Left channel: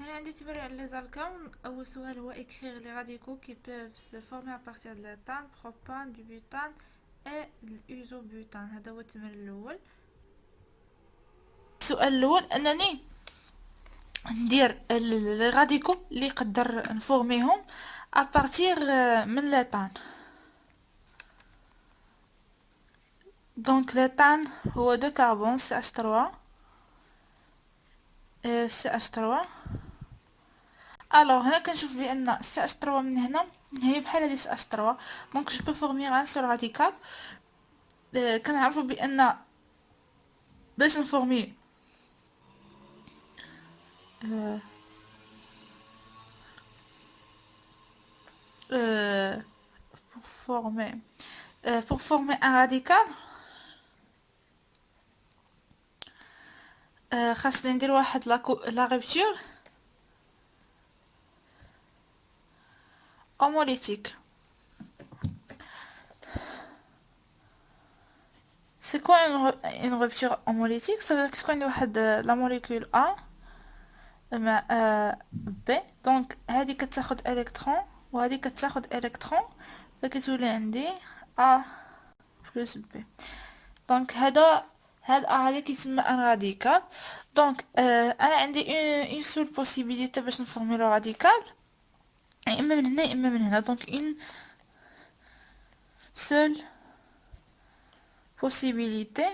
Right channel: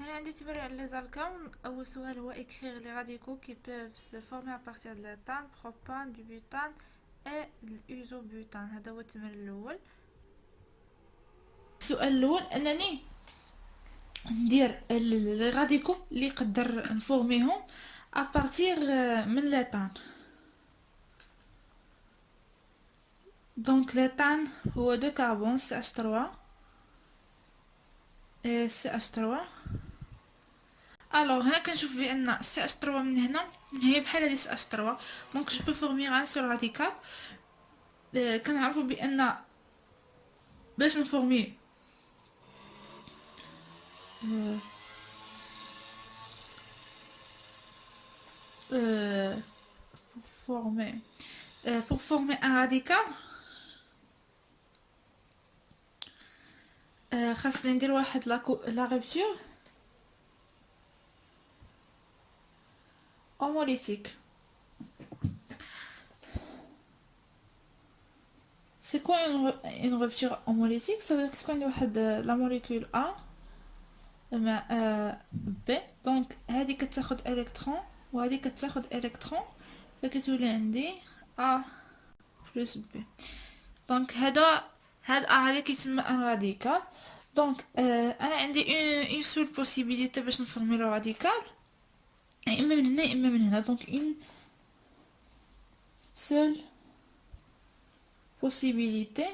هنا عندي تمرين على les alcanes. أول سؤال هو écrire les radicaux qui peuvent se former à partir de l'éthane, propane, du butane et l'isobutane. هذا هو التمرين الأول. السؤال الأول أنني ندير لي راديكو اللي نقدر نفورميهم ابارتير من ليتان. دونك ليتان هو دو كربون CH3 CH3. الوغ هنا كنشوف بان CH3 من هنا هي بحال هادي CH3، دونك جو بو فورمير ان سول راديكال. كنعرفو بان باش نفورمي pour former un radical خاصني ندير واحد لا رupture homolytique. C'est quoi une rupture homolytique? Ça veut dire que واحد la molécule A مع B، دونك هذه كتاخد الكترون وهذه كتاخد الكترون، فكتولي عندي A plus B. دونك هذا هذا كيتسمى ان راديكال. دونك انا عندي اون سول بوسيبيليتي باش نفورمي لو راديكال، اما من هنا اما من هنا. دونك اون سول بوسيبيليتي.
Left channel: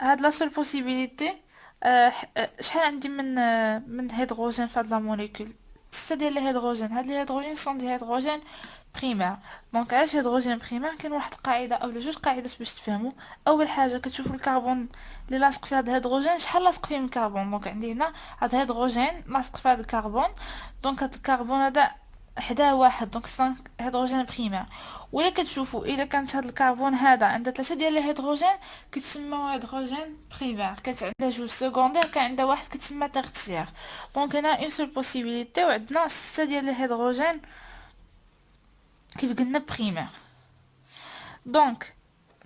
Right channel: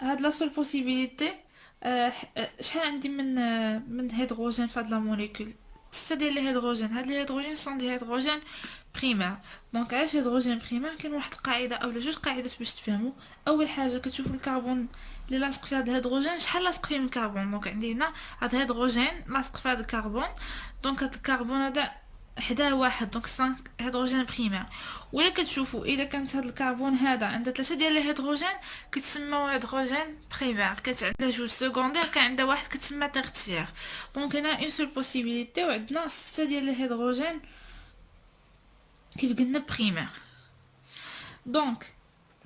هاد لا سول بوسيبيليتي شحال عندي من هيدروجين في هاد لا موليكول؟ 6 ديال الهيدروجين. هاد الهيدروجين سون دي هيدروجين بريمير. دونك علاش هيدروجين بريمير؟ كاين واحد القاعده اولا جوج قاعدات باش تفهموا. اول حاجه كتشوفوا الكربون اللي لاصق في هاد الهيدروجين شحال لاصق فيه من الكربون. دونك عندي هنا هاد الهيدروجين لاصق في هاد الكربون، دونك هاد الكربون هذا حداه واحد، دونك 5 هيدروجين بريمير. ولا كتشوفوا اذا كانت هاد الكربون هذا عنده 3 ديال الهيدروجين كتسمى هيدروجين بريمير، كانت عندها جوج سكوندير كان عندها واحد كتسمى تيرتيير. دونك هنا اون سول بوسيبيليتي وعندنا 6 ديال الهيدروجين كيف قلنا بريمير. دونك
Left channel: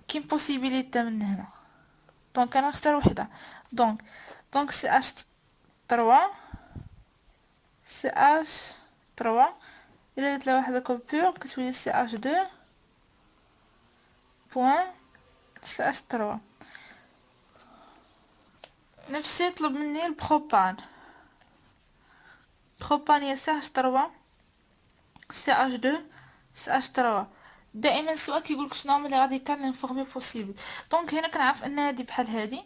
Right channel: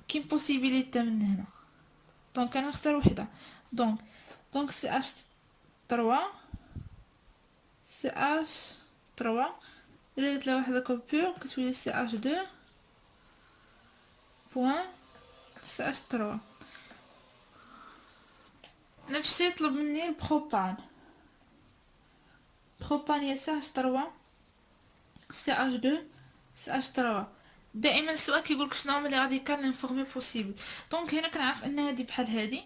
كاين بوسيبيليتي من هنا، دونك انا نختار وحده. دونك سي اش 3 سي اش 3 الا درت لها واحد كوبور كتولي سي اش 2 بوين سي اش 3. نفس الشيء يطلب مني البروبان. بروبان هي سي اش 3 سي اش 2 سي اش 3. دائما السؤال كيقولك شنو هما لي راديكال اللي نفورمي بوسيبل. دونك هنا كنعرف ان هادي بحال هادي،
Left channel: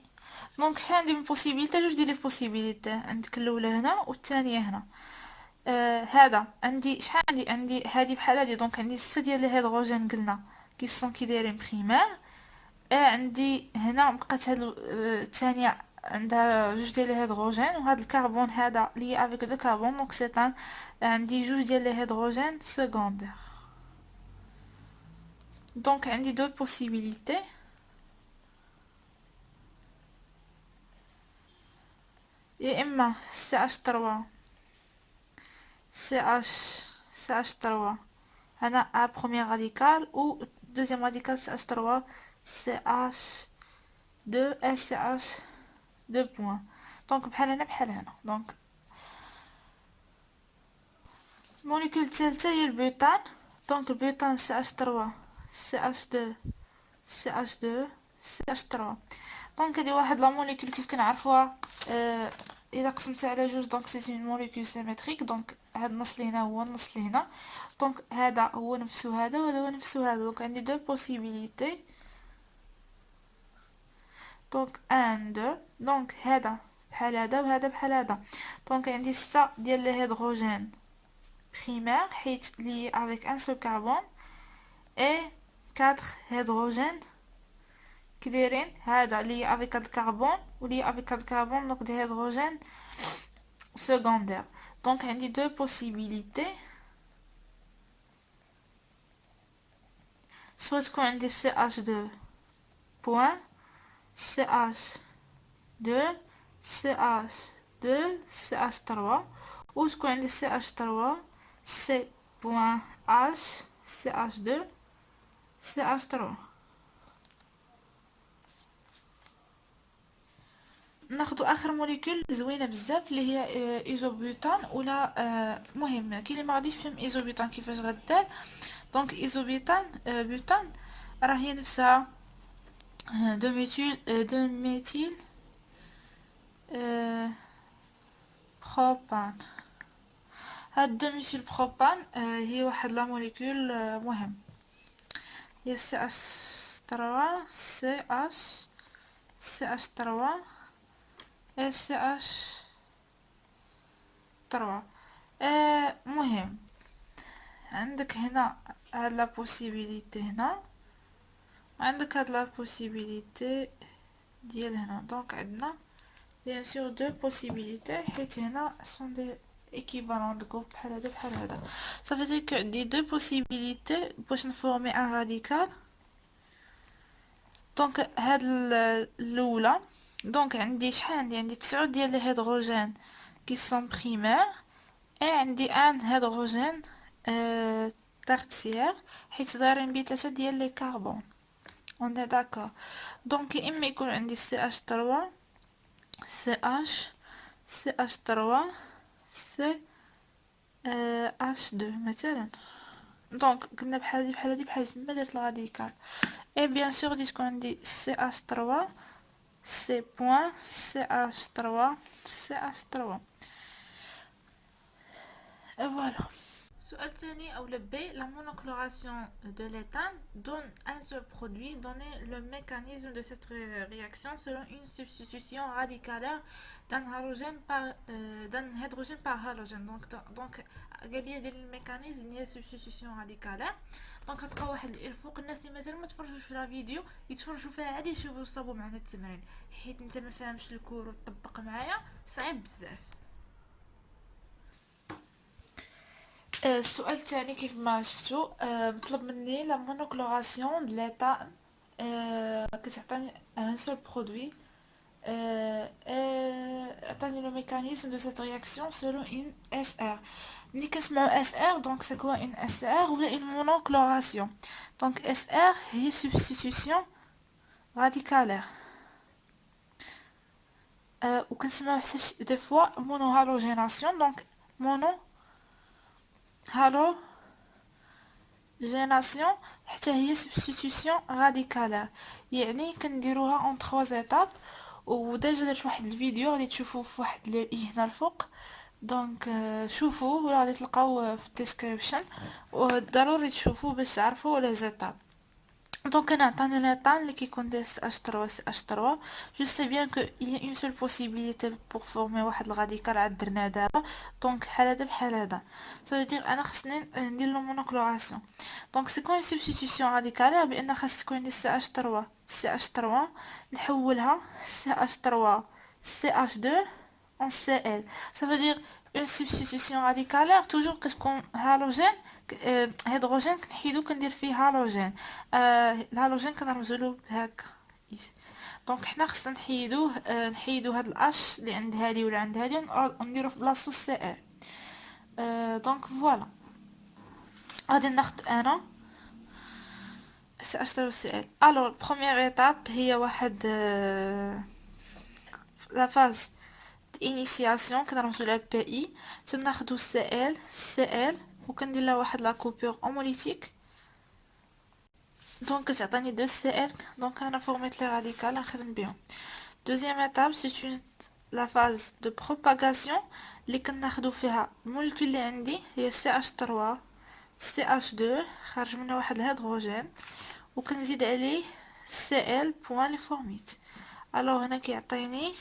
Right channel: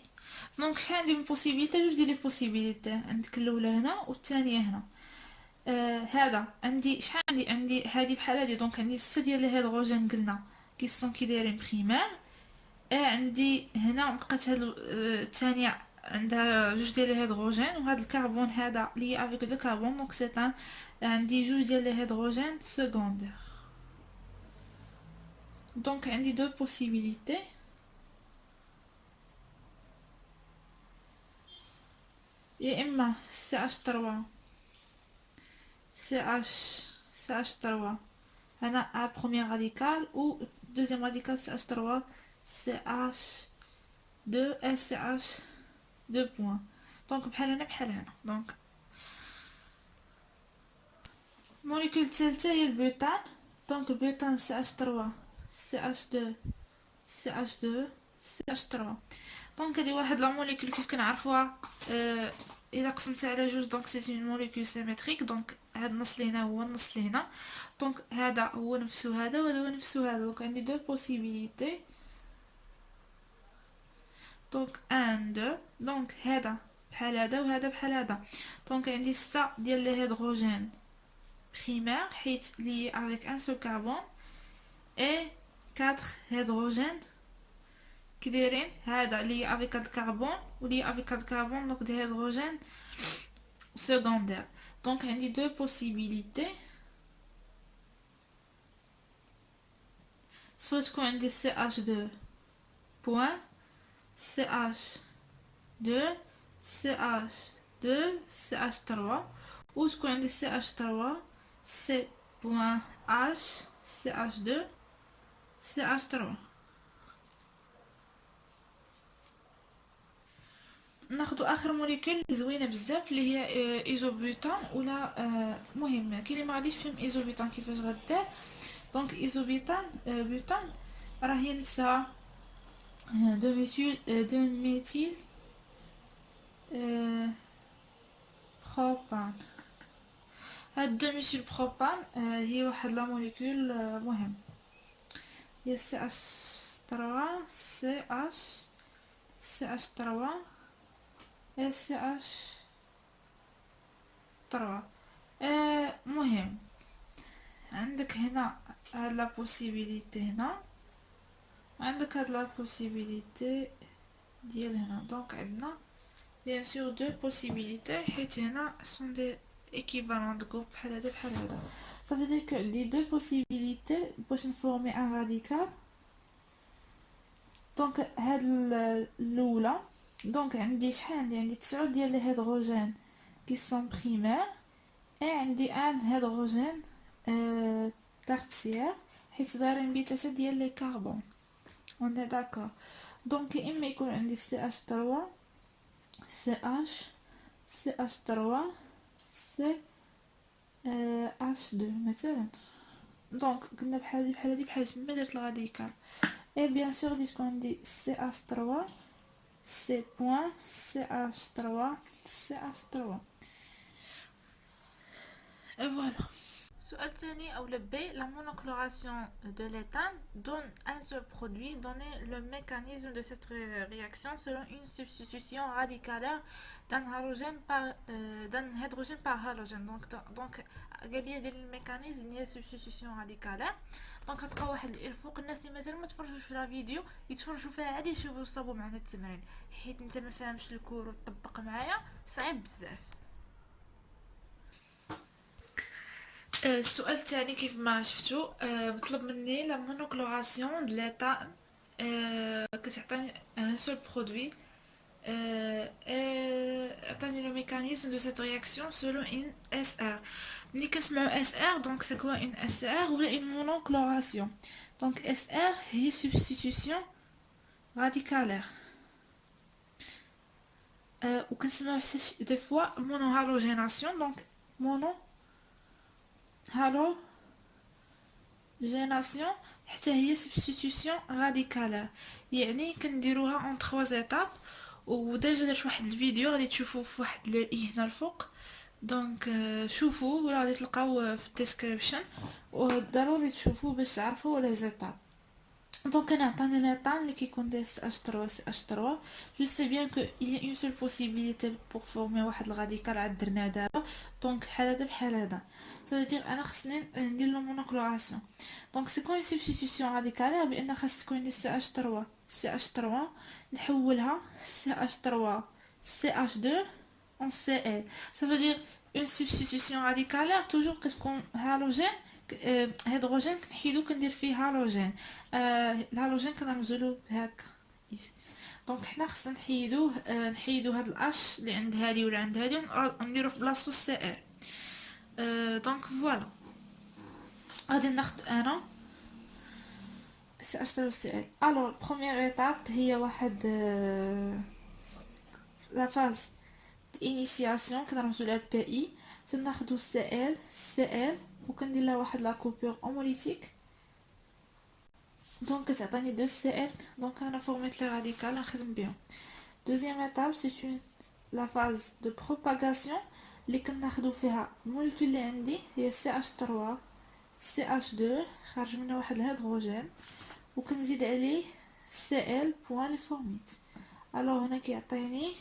دونك شحال عندي من بوسيبيليتي؟ جوج ديال لي بوسيبيليتي. عندك الاولى هنا والثانيه هنا. هذا عندي شحال عندي هادي بحال هادي، دونك عندي 6 ديال الهيدروجين قلنا كي دايرين بريمير. عندي هنا بقات هاد الثانيه عندها جوج ديال الهيدروجين، وهذا الكربون هذا لي افيك دو كربون، دونك سي عندي جوج ديال الهيدروجين سكوندير. دونك عندي دو بوسيبيليتي. يا اما سي اش 3 سي اش 3 هنا ا بروميير راديكال، و دوزيام راديكال سي اش 3 سي اش 2 اس سي اش 2 بوين. دونك بحال هنا بحال هنا. دونك الموليكول الثالثه هي البيوتان. دونك البيوتان سي اش 3 سي اش 2 سي اش 2 سي اش 3. دونك هادي واحد لا موليكول كيف كنعرفوها الا قسمتها على جوج دونك سي اون موليكول سيمتريك. دونك هاد النص اللي هنا هو النص اللي هنا، دونك هذا هو نفسه هذا وهذا هو نفسه هذا. دونك عندي دو بوسيبيليتي. دونك 1 2. دونك هذا بحال هذا وهذا بحال هذا. دونك عندي 6 ديال الهيدروجين بريمير حيت لي avec un seul carbone et 4 هيدروجين كي دايرين هذا لي avec 4 كربون ولي avec 4 كربون، دونك دي هيدروجين secondaire. دونك عندي دو بوسيبيليتي، سوا تكون عندي سي اش 2 بوين سي اش 2 سي اش 2 سي اش 3، ou تكون عندي سي اش 3 سي بوين اش سي اش 2 سي اش 3. ناخدو اخر موليكول زوينه بزاف اللي هي ايزوبيوتان ولا مهم كاين اللي ما غاديش يفهم ايزوبيوتان كيفاش غدار. دونك ايزوبيوتان بيوتان راه هي نفسها دو ميثيل بروبان. هاد دو ميثيل بروبان هي واحد لا موليكول مهم، هي سي اش 3 سي اش سي اش 3 سي اش 3. مهم عندك هنا هاد لا بوسيبيليتي، هنا عندك هاد لا بوسيبيليتي ديال هنا. دونك عندنا بيان سور دو بوسيبيليتي حيت هنا سون دي équivalent de groupe بحال هذا بحال هذا. ça veut dire que عندي دو بوسيبيليتي باش نفورمي ان راديكال. دونك هاد الاولى، دونك عندي شحال عندي 9 ديال لي هيدروجين qui sont primaires et عندي ان هيدروجين tertiaire حيت دايرين بيه 3 ديال لي كربون. on est d'accord. دونك يا اما يكون عندي CH3 CH3 سي H2 مثلا. دونك كنا بحال هادي بحال ما درت الراديكال. اي بيان سور غادي تكون عندي CH3 سي بوين CH3 CH3 et voilà. السؤال الثاني أو B. La monocloration de l'éthane donne un seul produit. Donnez le mécanisme de cette réaction selon une substitution radicalaire d'un hydrogène par halogène. Donc قال لي دير الميكانيزم ديال substitution radicalaire. دونك غتلقاو واحد الفوق الناس اللي مازال ما تفرجوش في لا فيديو يتفرجوا فيها عادي يشوفوا يصاوبوا معنا التمرين، حيت انت ما فاهمش الكور وتطبق معايا صعيب بزاف. السؤال الثاني كيف ما شفتوا مطلب مني لا مونوكلوراسيون د ليتان كتعطيني ان سول برودوي عطاني لو ميكانيزم دو سيت رياكسيون سولون ان اس ار. ملي كنسمعو اس ار دونك سي كوا ان اس ار ولا ان مونوكلوراسيون. دونك اس ار هي سبستيتيوشن راديكالير وكنسمعو حتى دي فوا مونو هالوجيناسيون. دونك مونو هالوجيناسيون حتى هي سبستيتيوشن راديكالير، يعني كنديروها اون 3 ايتاب. وديجا درت واحد الفيديو غادي تشوفوه في واحد هنا الفوق. دونك شوفوا ولا غادي تلقاو في الديسكريبشن وضروري تشوفوا باش تعرفوا لي زيتاب. دونك انا عطاني ليطان اللي كيكون داير CH3 CH3. جو سي بيان كو il y a une seule possibilité pour former واحد الغاديكال عاد درنا دابا. دونك بحال هذا بحال هذا ça veut dire انا خصني ندير لو مونوكلوراسيون. دونك سي كون سبستيتيوشن راديكالير بان خاص تكون عندي CH3 CH3 نحولها CH3 CH2 en Cl. ça veut dire une substitution radicalaire toujours كتكون هالوجين هيدروجين كنحيدو كندير فيه هالوجين. الهالوجين كنرمزولو هكا. دونك حنا خصنا نحيدو هاد الاش اللي عند هادي ولا عند هادي ونديرو في بلاصتو Cl. دونك فوالا غادي ناخد انا CH3Cl. الوغ بروميير ايتاب هي واحد لا فاز انيسياسيون كنرمزو لها بي اي. تناخدو Cl وكندير لها واحد لا كوبور هوموليتيك. دونك كتعطيني 2 Cl. دونك انا فورميت لي راديكال نخدم بهم. دوزيام ايتاب سي لا فاز دو بروباغاسيون اللي كناخدو فيها الموليكول اللي عندي هي CH3 CH2 خارج منها واحد الهيدروجين وكنزيد عليه Cl بوان لي فورميت. الوغ هنا كيعطيني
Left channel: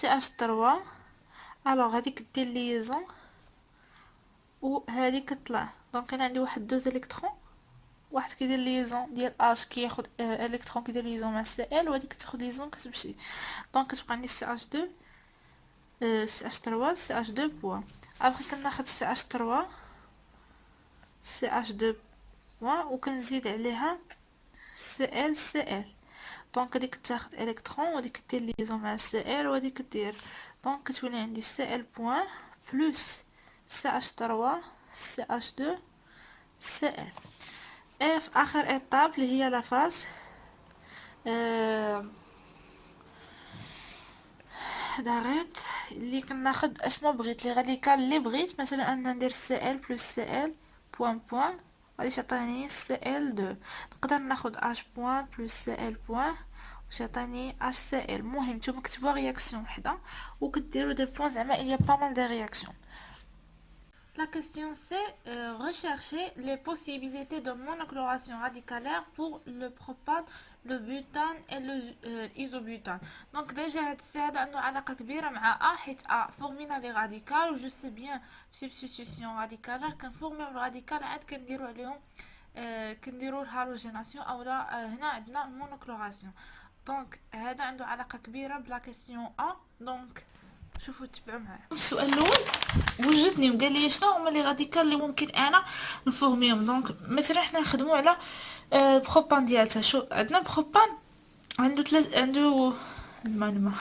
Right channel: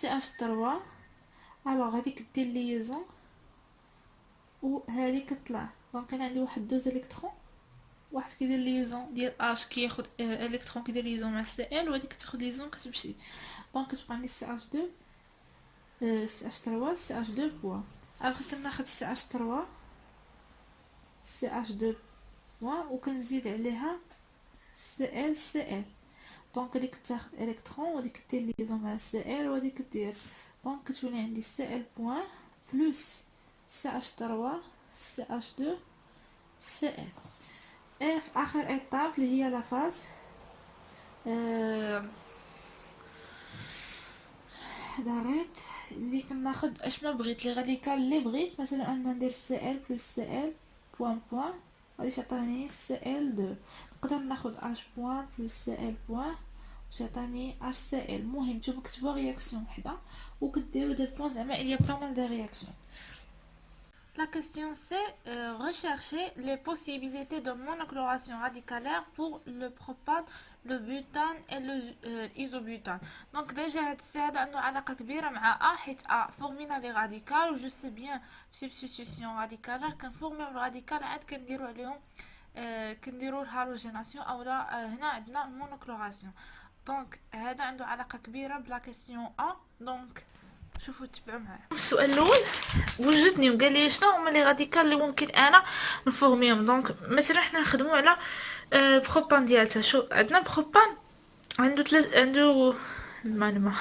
CH3. الوغ هادي كدير ليزون وهادي كطلع. دونك انا عندي واحد 2 الكترون، واحد كيدير ليزون ديال اش كياخد الكترون كيدير ليزون مع Cl وهادي كتاخد ليزون كتمشي. دونك كتبقى عندي CH2 CH3 CH2 بوان. الوغ كناخد CH3 CH2 بوان وكنزيد عليها Cl. دونك هاديك تاخد الكترون وهاديك دير ليزون مع Cl وهاديك كدير. دونك كتولي عندي Cl بوان بلس CH3 CH2 Cl. في اخر ايطاب اللي هي لا فاز وحده غير اللي كناخد اش ما بغيت لي راديكال اللي بغيت. مثلا انا ندير سي ال بلس سي ال بوان بوان غادي تعطيني سي ال 2. نقدر ناخد اش بوان بلس سي ال بوان باش يعطيني اش سي ال. المهم نتوما كتبوا رياكسيون وحده وكديروا دي بوان زعما il y a pas mal de réactions. La question c'est rechercher les possibilités de monocloration radicalaire pour le propane, le butane et l'isobutane. Donc déjà هاد السي هذا عنده علاقة كبيرة مع حيت فورمينا لي راديكال و جو سي بيان سبستيتيوسيون راديكالار كنفورميو الراديكال عاد كنديرو عليهم كنديرو الهالوجيناسيون اولا هنا عندنا المونوكلوراسيون. دونك هذا عنده علاقة كبيرة بلا كيسيون دونك شوفوا تبعوا معايا. السؤال الاول وجدني وقال لي شنو هما لي راديكال اللي ممكن انا نفورميهم. دونك مثلا حنا نخدموا على بروبان ديالتها. شو عندنا بروبان عنده المعلومه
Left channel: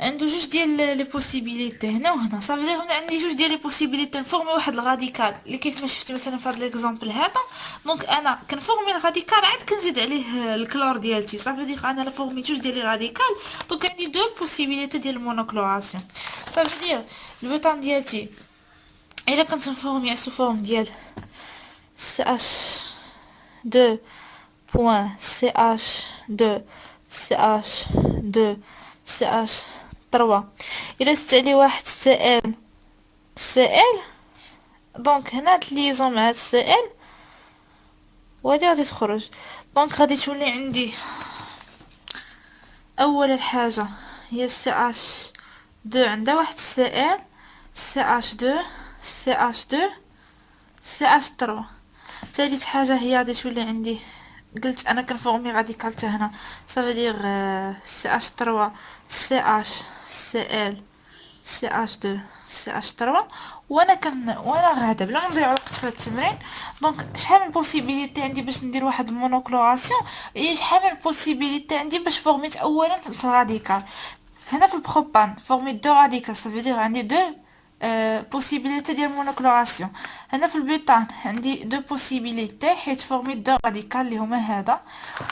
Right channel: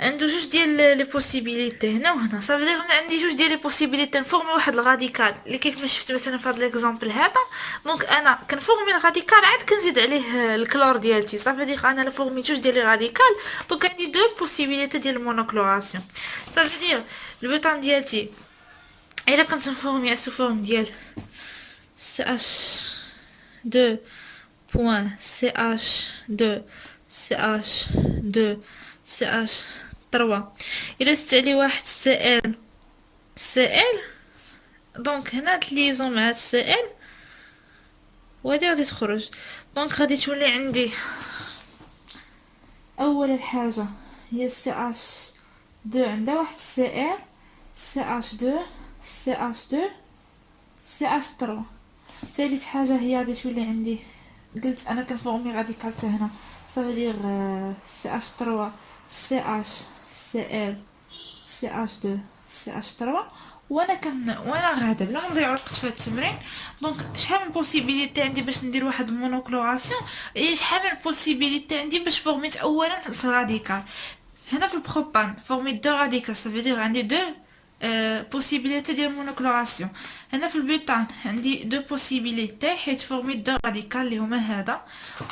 عنده جوج ديال لي بوسيبيليتي هنا وهنا. صافي دير هنا عندي جوج ديال لي بوسيبيليتي نفورمي واحد الراديكال اللي كيف ما شفت مثلا في هذا ليكزامبل هذا. دونك انا كنفورمي الراديكال عاد كنزيد عليه الكلور ديالتي. صافي دير انا لا فورمي جوج ديال لي راديكال دونك عندي دو بوسيبيليتي ديال المونوكلوراسيون. صافي دير البوتان ديالتي الا كنت نفورمي سو فورم ديال سي اش 2 بوان سي اش 2 سي اش 2 سي اش 3 الا زدت عليه واحد سي ال دونك هنا تليزون مع سي ال وهادي غادي تخرج. دونك غادي تولي عندي اول حاجه هي سي اش 2 عندها واحد سي ال سي اش 2 سي اش 2 سي اش 3. ثالث حاجه هي غادي تولي عندي قلت انا كنفورمي راديكال حتى هنا. صافي دير سي اش 3 سي اش سي ال سي اش 2 سي اش 3. وانا غادا بلا ما نضيع وقت في هاد التمرين. دونك شحال من بوسيبيليتي عندي باش ندير واحد المونوكلوراسيون شحال من بوسيبيليتي عندي باش فورميت اولا في الراديكال. هنا في البروبان فورميت دو راديكال صافي دير عندي دو بوسيبيليتي ديال المونوكلوراسيون. هنا في البيوتان عندي دو بوسيبيليتي حيت فورميت دو راديكال اللي هما هذا.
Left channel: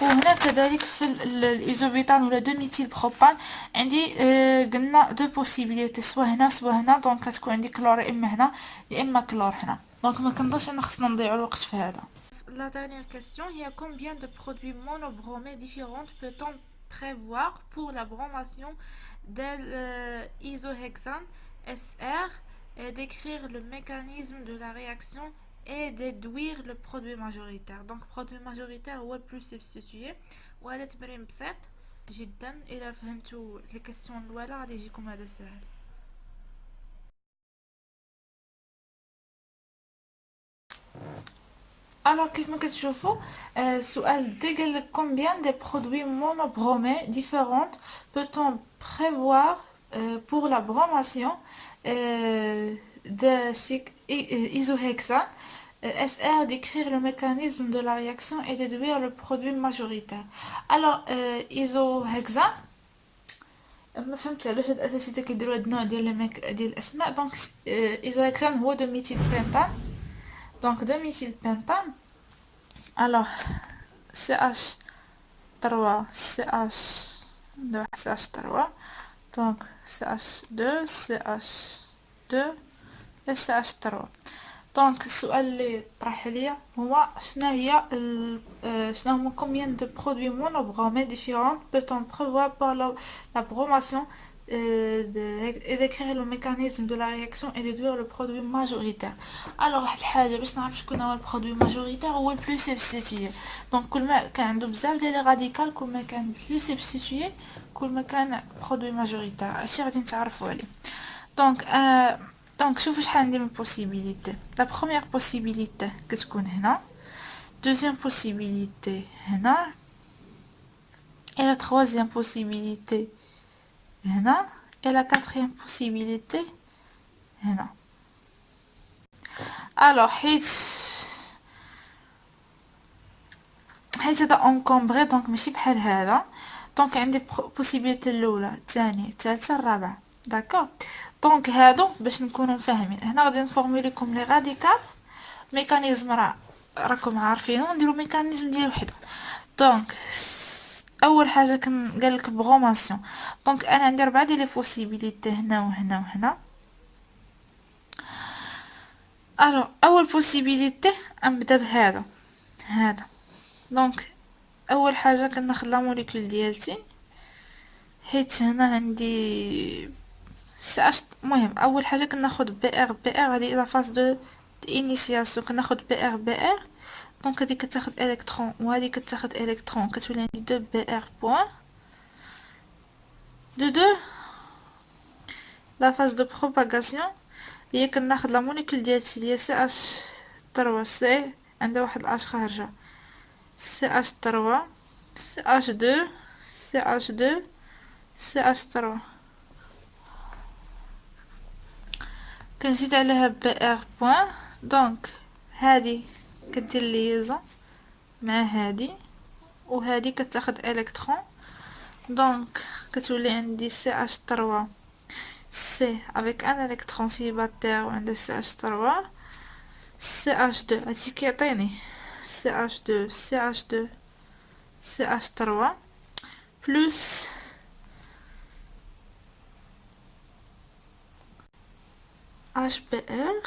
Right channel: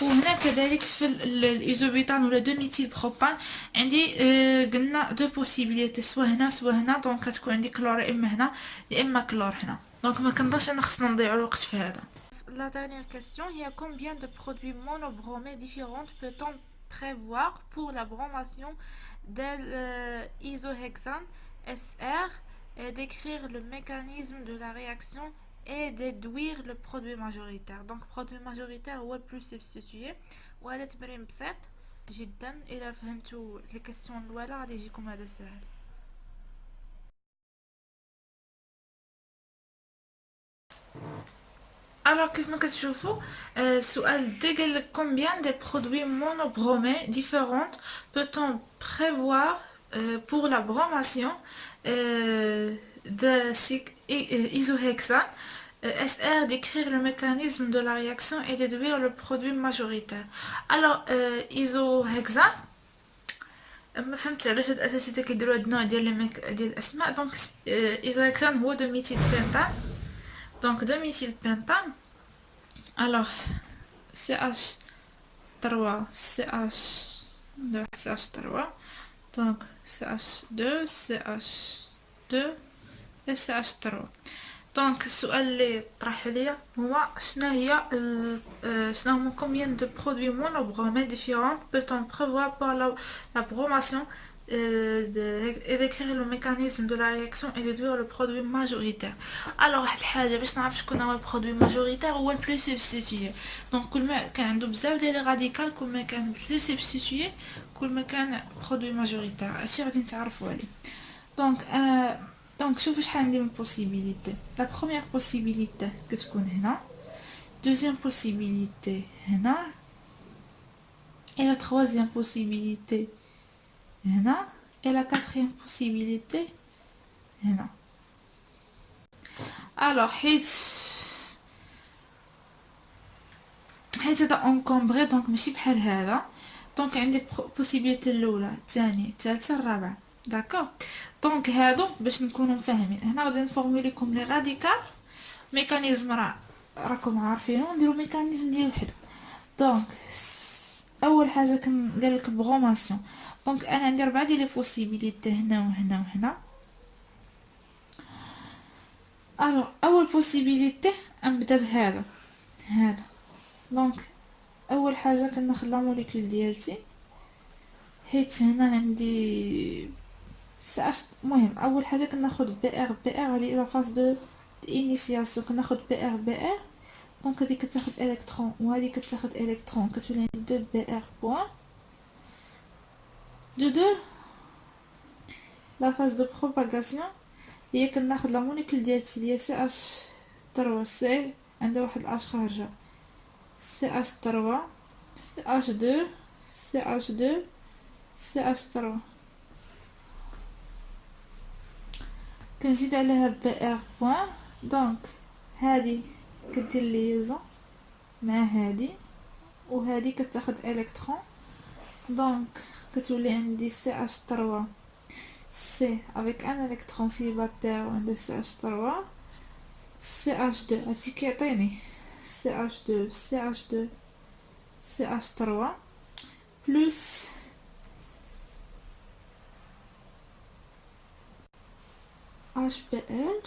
وهنا كذلك في الايزوبيتان ولا دو ميثيل بروبان عندي قلنا دو بوسيبيليتي سوا هنا سوا هنا. دونك كتكون عندي كلور اما هنا يا اما كلور هنا. دونك ما كنظنش ان خصنا نضيعوا الوقت في هذا. La dernière question il y a combien de produits monobromés différents peut-on prévoir pour la bromation de l'isohexane SR et décrire le mécanisme de la réaction et déduire le produit majoritaire. Donc produit majoritaire هو plus substitué. وهذا تمرين بسيط جدا إذا فهمتوا لي كيسيون الأولى غادي يجيكم هذا سهل. Alors كيف ما كتشوفوا السؤال دي قال لك combien de produits monobromés différents peut-on prévoir pour la bromation de isohexane SR décrire le mécanisme de la réaction et déduire le produit majoritaire. Alors isohexane ما فهمت علاش هاد الاساسيات كيديروا هاد النوع ديال الاسماء. دونك isohexane هو دو ميثيل بنتان. دونك دو ميثيل بنتان alors CH3 CH2 CH3 donc CH2 CH2 et CH3. دونك السؤال اللي طرح عليا هو شنو هما combien de produits monobromés différents peut-on prévoir pour la bromation et décrire le mécanisme de la réaction et déduire le produit majoritaire. Alors واحد الحاجه باش نعرف شكون هو البرودوي ماجوريتير هو البلو سبستيتيي. دونك كل ما كان عنده بزاف ديال لي راديكال كل ما كان بلو سبستيتيي كل ما كان برودوي ماجوريتير. هادشي غادي نتعرفوا عليه. دونك شوفوا شحال عندي من بوسيبيليتي. لا بروميير بوسيبيليتي كتكون هنا دوزيام بوسيبيليتي هنا et la troisième possibilité هنا et la quatrième possibilité هنا. alors حيت هذا انكومبري دونك ماشي بحال هذا. دونك عندي بوسيبيليتي الاولى الثانيه الثالثه الرابعه داكوغ. دونك هادو باش نكونوا فاهمين هنا غادي نفورمي لكم لي راديكال ميكانيزم راكم عارفينه نديرو ميكانيزم ديال وحده. دونك اول حاجه قال لك بروماسيون. دونك انا عندي 4 ديال لي بوسيبيليتي هنا وهنا وهنا. الو اول بوسيبيليتي نبدا بهذا هذا. دونك اول حاجه كناخذ لا موليكول ديالتي، حيت هنا عندي المهم اول حاجه كناخذ بي ار هذه لا فاز دو انيسياسيون. كناخذ بي ار. دونك هذه كتاخذ الكترون وهذه كتاخذ الكترون، كتولي عندي 2 بي ار بوين دو لا فاز دو بروباغاسيون. هي كناخذ لا موليكول ديالتي اللي هي سي اش 3 سي، عندها واحد الاش خارجه، سي اش 3 سي اش 2 سي اش 2 سي اش 3. كنزيد عليها بي ار بوين. دونك هذه كدير ليزون مع هذه، وهذه كتاخذ الكترون. دونك كتولي عندي سي اش 3 سي افيك ان الكترون سيليباتير، وعندها سي اش 3 سي اش 2. هادشي كيعطيني سي اش 2 سي اش 2 سي اش 3 بلس اش بي ار.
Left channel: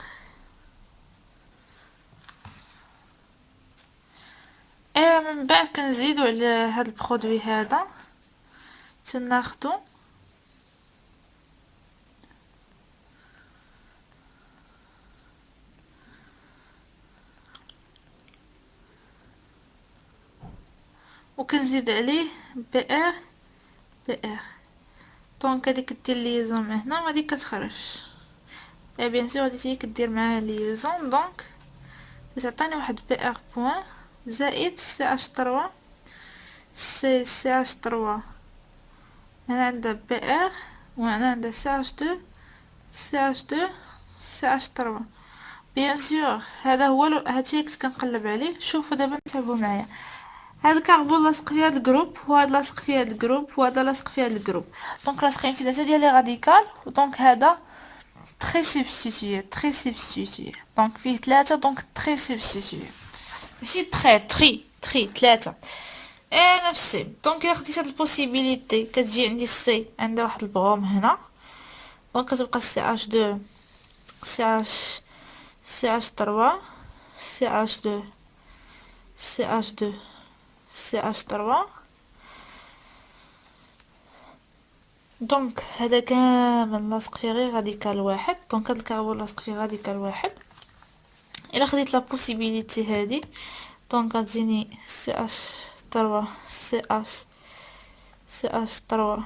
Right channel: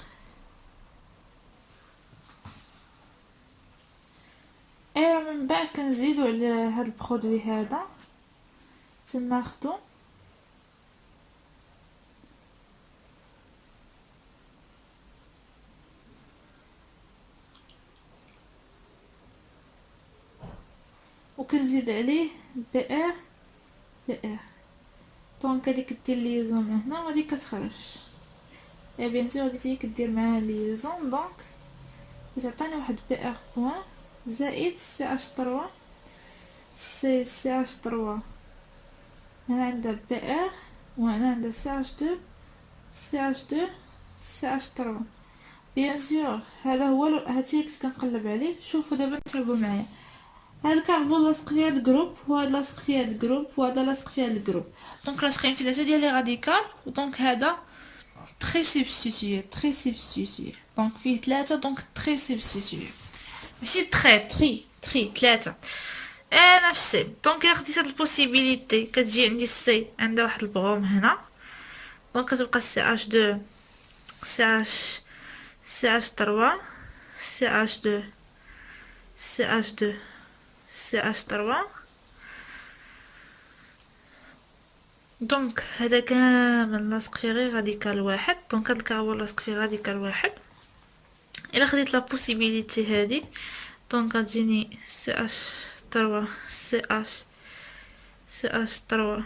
من بعد كنزيدو على هاد البرودوي هذا تناخدو وكنزيد عليه بي ار بي ار. دونك هادي كدير ليزون مع هنا وهادي كتخرج. بيان سور هادي كدير معاها ليزون. دونك تعطيني واحد بي ار بوين زائد سي اش 3 سي اش 3. هنا عندها بي ار وهنا عندها سي اش 2 سي اش 2 سي اش 3. بيان سور هذا هو هادشي كنت كنقلب عليه. شوفوا دابا تابعوا معايا. هذا الكربون لاصق في هذا الجروب، وهذا لاصق في هذا الجروب، وهذا لاصق في هذا الجروب. دونك لاصقين في 3 ديال لي راديكال. دونك هذا تري سبستيتيي. دونك فيه 3. دونك تري سبستيتيي ماشي تري 3. نفس الشيء. دونك الا خديت هاد البوسيبيليتي كتجي عندي السي عندها واحد البروم هنا. دونك كتبقى سي اش 2 سي اش 3 سي اش 2 سي اش 2 سي اش 3. دونك هذا كامل لاصق فيه غير راديكال واحد. دونك هاد الكربون لاصق فيه راديكال واحد. الا خديت لا بوسيبيليتي هادي دونك غتجيني سي اش 3 سي اش 3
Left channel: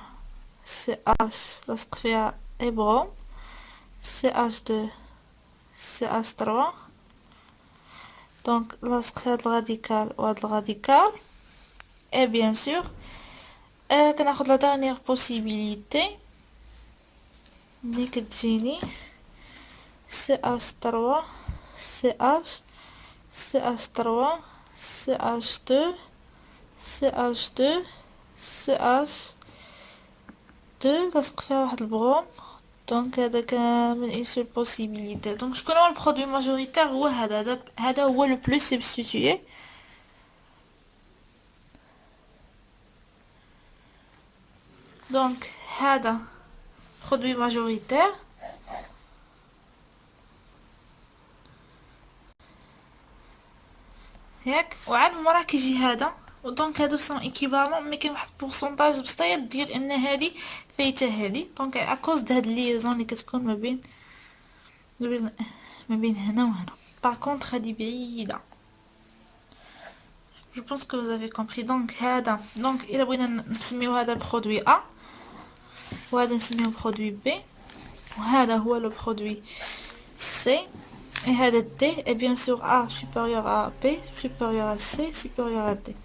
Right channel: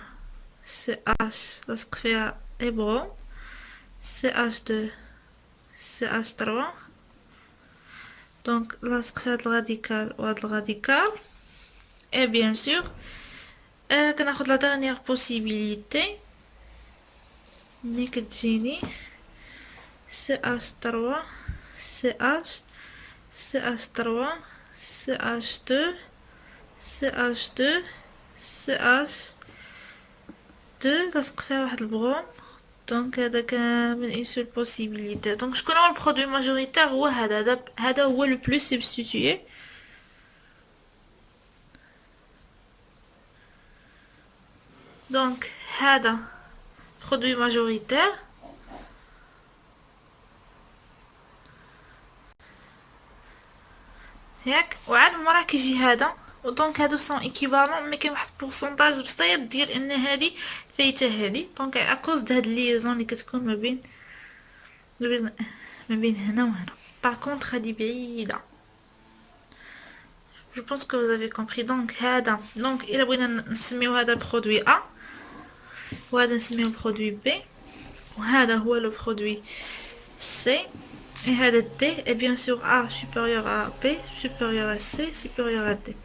سي اش لاصق فيها ابروم سي اش 2 سي اش 3. دونك لاصق في هاد الراديكال وهاد الراديكال. اي بيان سور كناخد لا دانيير بوسيبيليتي ملي كتجيني سي اش 3 سي اش 3 سي اش 2 سي اش 2 سي اش 2 لاصق فيها واحد البروم. دونك هذا كامل اون سول بوسيبيليتي. دونك شكون هو البرودوي ماجوريتير؟ هو هذا هو لو بلو سبستيتيي. دونك هذا برودوي ماجوريتير. ياك وعاد مرة كيجي هذا. ودونك هادو سون ايكيفالون، مي كاين واحد البورسونتاج بسيط ديال ان هادي فايته هادي. دونك اكوز د هاد ليزون اللي كتكون ما بين هنا وهنا. باغ كونطخ هادي بعيده. جو بونس كو vous avez compris. دونك هذا دونك الا بغينا نسميو هذا برودوي ا وهذا نسميو برودوي بي وهذا هو لو برودوي سي. Et هذا D est bien sûr A supérieur à B supérieur à C supérieur à D.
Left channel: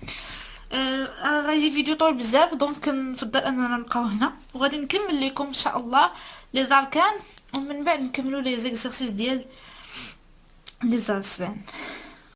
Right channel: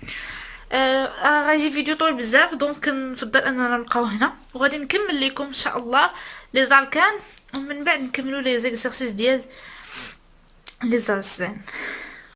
غايجي فيديو طويل بزاف. دونك نفضل اننا نبقاو هنا وغادي نكمل لكم ان شاء الله لي زاركان ومن بعد نكملوا لي زيكزارسيس ديال لي زارسان.